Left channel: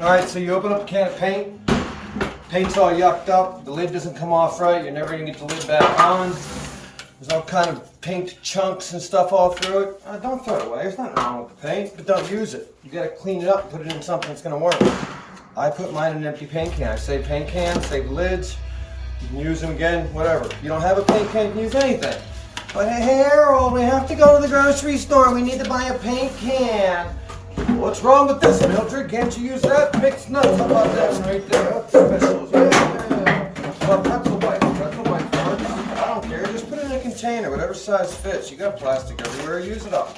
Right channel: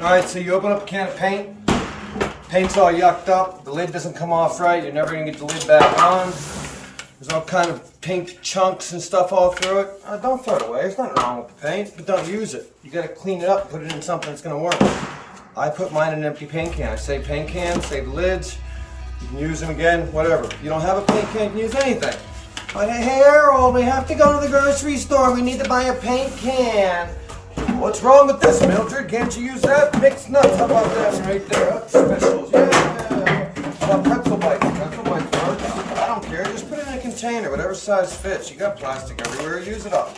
Alright, so you open up a can of paint. Paint's all yucked up. The lid doesn't come off right. You're never going to get the lid back on. There's all kind of paint chunks and stuff all through it. Don't throw it away. There's nothing wrong with the paint, but don't use it. You got to clean it up and put it in something that's going to work. I put mine in an empty paint can. I save paint cans, save the lids. You can use them again, whatever. If you don't have a paint can, you can use anything. But hey, Harold, we have to go to the grocery store. We need to buy a paint can. What's wrong with this, Mildred? Can't you use that? Mixed nuts. How about that one right there? That's specials. Yeah. Pretzel bites. Pretzel bites. I don't care. Just put it in a container, whatever size fits. You got plastic everywhere. Use it up.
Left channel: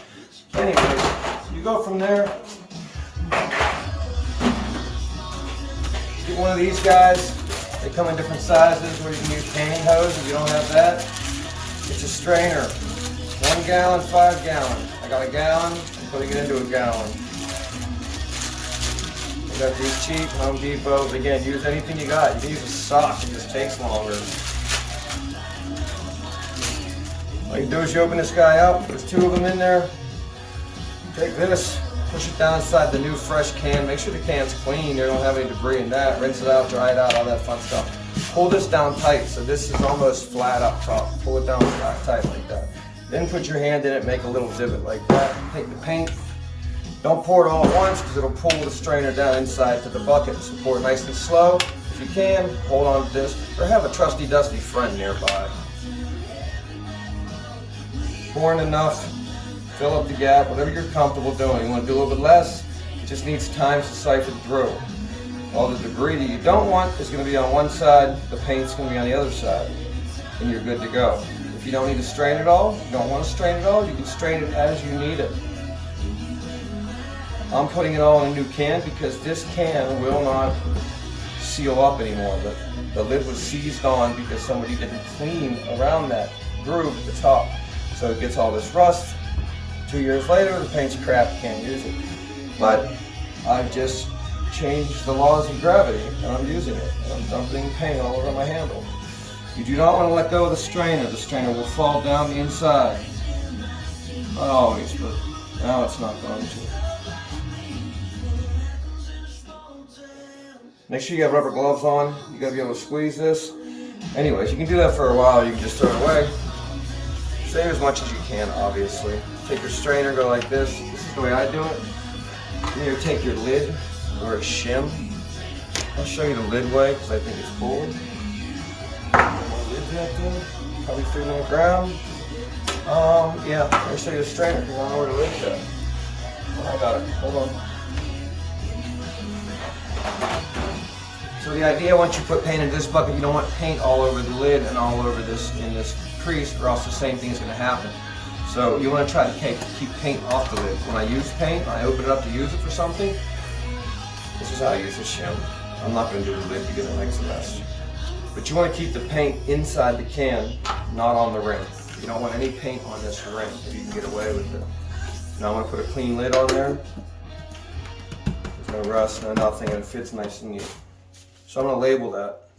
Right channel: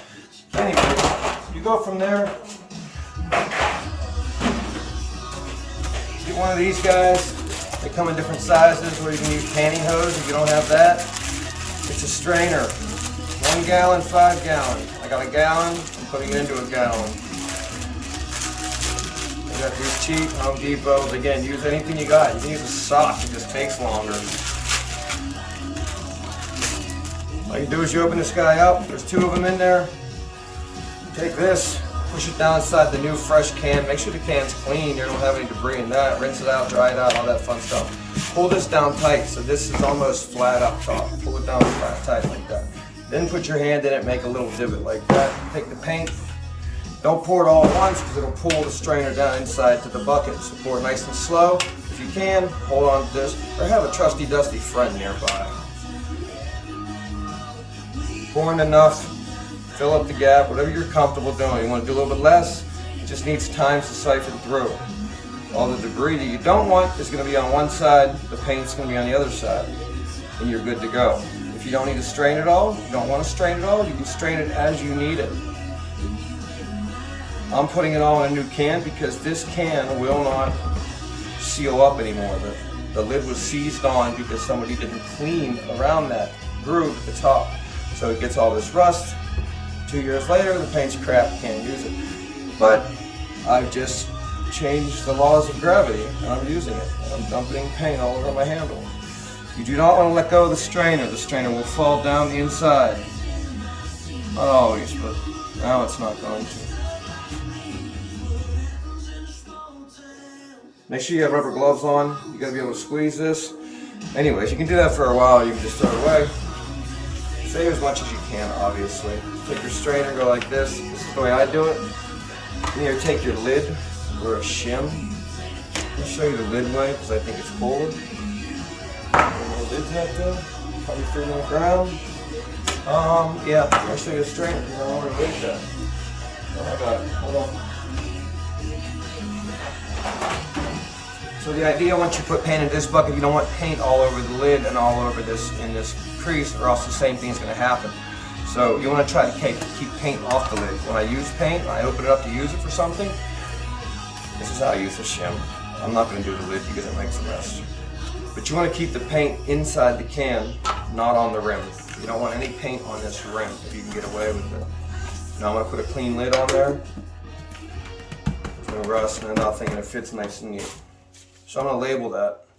Anyway, you go from there. Get one of these guys. They come in different sizes where you can use pantyhose if you don't have that. It's a strainer. 1 gallon, 5 gallon. I got a gallon. I'm putting it into a gallon. I got these cheap Home Depot. Again, use anything you got. You can use a sock. It just takes longer. All you do is you open this guy up. There's 2 of them in there. Take this. Push it down inside the new fresh can. Make sure the can's clean. You don't have any debris in that. Rinse it out, dry it out, all that fun stuff. Pull this down tight. So this is almost flat up top. Pull it down flat, tight like that. Then put your hand in it, make a little divot like that. Take the paint. Don't pour it all at once because it'll pull the strainer down inside to the bucket. So pour it nice and slow. If you can, hold on to this or have a trusty dusty friend nearby. Pour in enough. Fill up the gap, whatever you're comfortable doing. You want to do a little bit less, it just needs time to siphon through. All the debris that you don't want is going to be on one side, the paint's going to be on the other side, and you're good to go. If you don't need to strain it all, you don't want to strain it all, you can strain it as you need it. I'm putting it all in a new can because this can will not seal up anymore. The lid was seized on because somebody didn't clean around that groove at the top. So it gets all this rust. 2 years later, the paint's crap, can't use it. But I've just changed the laws of gravity, and I'm using it. And I'm dumping paint all over my handle. You do not want to let go of the strainer. The strainer will fall down the inside. Not always, but now it's not going to. Make sure you have rubber gloves on. You gotta be able to squeeze this. Anyways, you can do that for a while, or you can just throw it away. Save as much as you can, obviously. Take your strainer, go like this. This is the way I do it. You either take your lid or a shim. I'll show you the lid way because I think it's cooler. My lid's not there. Probably threw it on the ground. Yeah, I'll show you the strainer because I don't know where the lid's at. Oh, I got it. Hold on. So the idea, once you put paint in this bucket, you don't want paint all over the lid and all over this in this crease, or else the same thing's going to happen. So you want to try to keep paint off the lid. When I use paint, I open it up to use it for something. This is how I use the shim. I'm not going to do the lid because it makes a mess. But you want to keep the paint inside the can, not on the rim. You don't want any paint on this rim if you can get away with it. Now I'm going to put a clean lid on there. There's no rust, no nothing, and it fits nice and neat. So I'm going to label that.